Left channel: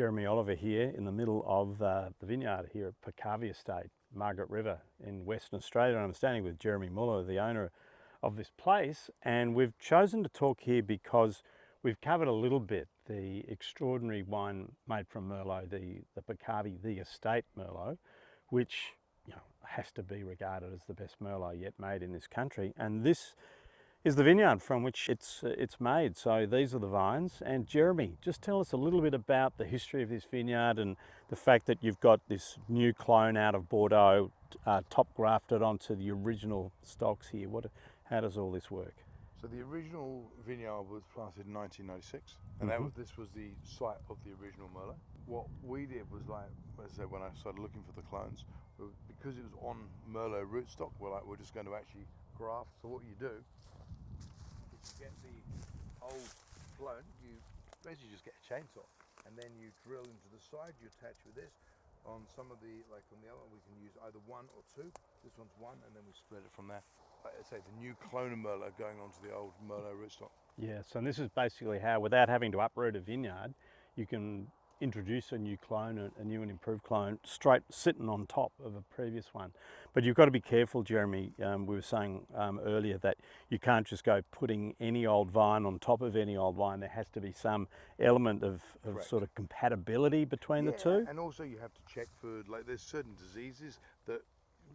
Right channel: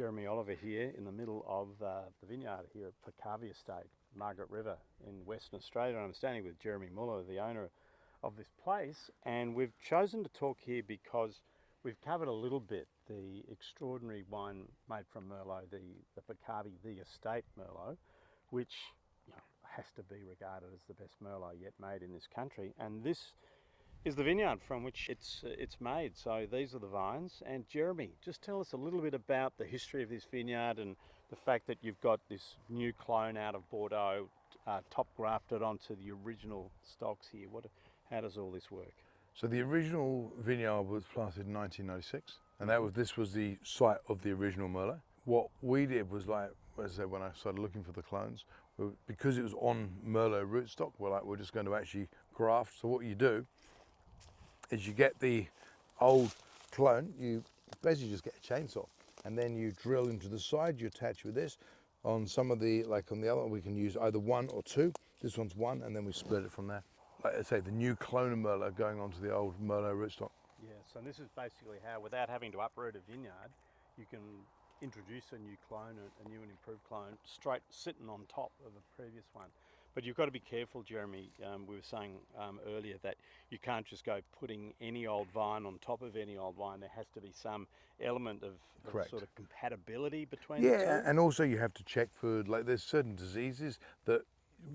Jeremy Oliver here in the middle of the vineyard here at Peccavi Estate, Margaret River in Western Australia. And I'm standing with Jeremy Muller, the owner of this place, and we've chosen to talk here because we've covered a little bit the extraordinary wine made from merlot, the Peccavi, the estate merlot, which has to be regarded as the best merlot yet made in this country. And this is the vineyard from which it's made. So these are the vines. And Jeremy, just tell us a little bit about the history of this vineyard and the fact that you've got this new clone out of Bordeaux top grafted onto the original stocks here. How does all this work? So the original vineyard was planted in 1996, and this was the site of the original merlot. What we did was, like I said, when I started looking for the clones, because it was on merlot rootstock, we're just going to actually graft. So what you do is you get the old clone, you basically just get a chainsaw, and then you drill into the side, you attach with this. On some of the, like on the other one, we can use either one or two. This one's one, and then we split it from there. Like I say, the new clone of merlot going onto the old merlot rootstock. Yes, and this is basically how, without having to uproot a vineyard, you can introduce a new clone, a new and improved clone, straight sitting on top of a previous one. But you've got to be careful, Jeremy. We were saying earlier that you can't just go putting any old vine on top of any old vine. There has to be some element of sort of compatibility between the two. Yeah, and also you have to check for, like, there's certain diseases that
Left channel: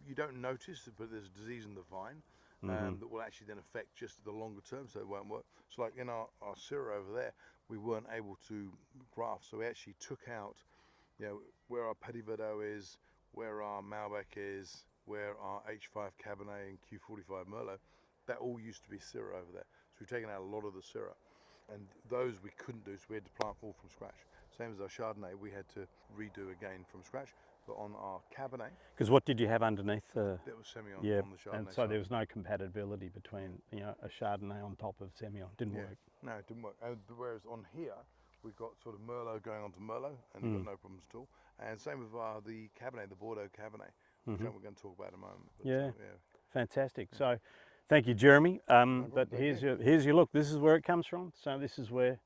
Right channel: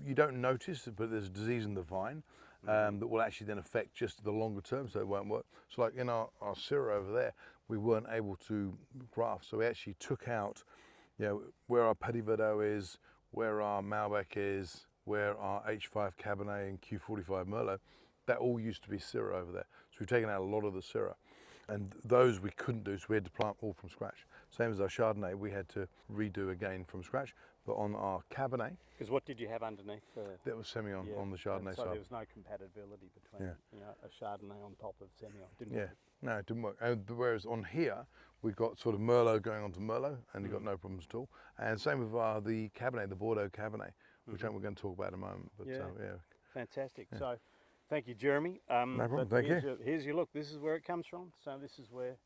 you don't notice, but there's a disease in the vine that will actually then affect just the longer term, so it won't work. So like in our Syrah over there, we weren't able to graft, so we actually took out, where our Petit Verdot is, where our Malbec is, where our H5 Cabernet and Q45 Merlot, that all used to be Syrah over there. So we've taken out a lot of the Syrah, and those we couldn't do, so we had to plant all from scratch. Same as our Chardonnay, we had to redo again from scratch. But on our Cabernet, because what did you have underneath? That was Semillon on the Chardonnay so side. there was no compatibility between a Chardonnay on top of Semillon. Didn't work. No, it didn't work. And whereas on here, we've got sort of Merlot going onto Merlot, and you've got no problems at all. And same with the Cabernet, the Bordeaux Cabernet, which we're going to talk about in a moment. But, Fantastic. So thank you, Jeremy. No problem. But here's your look. This is where it comes from. So this is where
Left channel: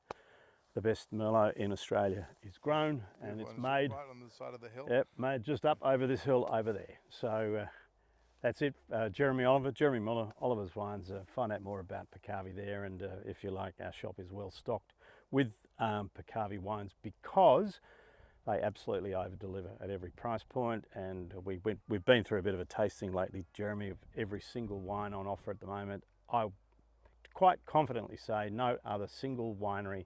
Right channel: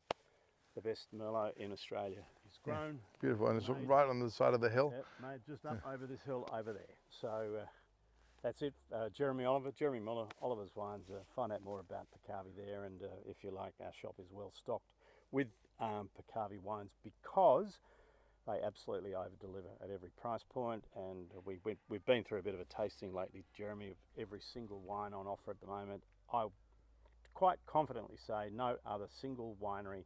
the best merlot in Australia is grown. Beautiful, and it's made right on the side of the hill. Yep, made just up over this hill over there. So that's it. Jeremy Oliver, Jeremy Muller, Oliver's Wines. Find out more about Peccavi there, and if you like, our shop is well stocked with Peccavi wines because they absolutely over-deliver at every price point. And we've been through a bit of a tasting lately, Jeremy, of every single wine on offer at the moment. I quite confidently say no other single winery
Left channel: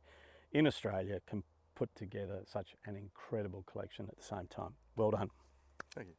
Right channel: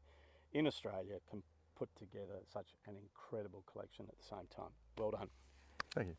in Australia can put together such an incredible collection at the same time. Well done. Thank you.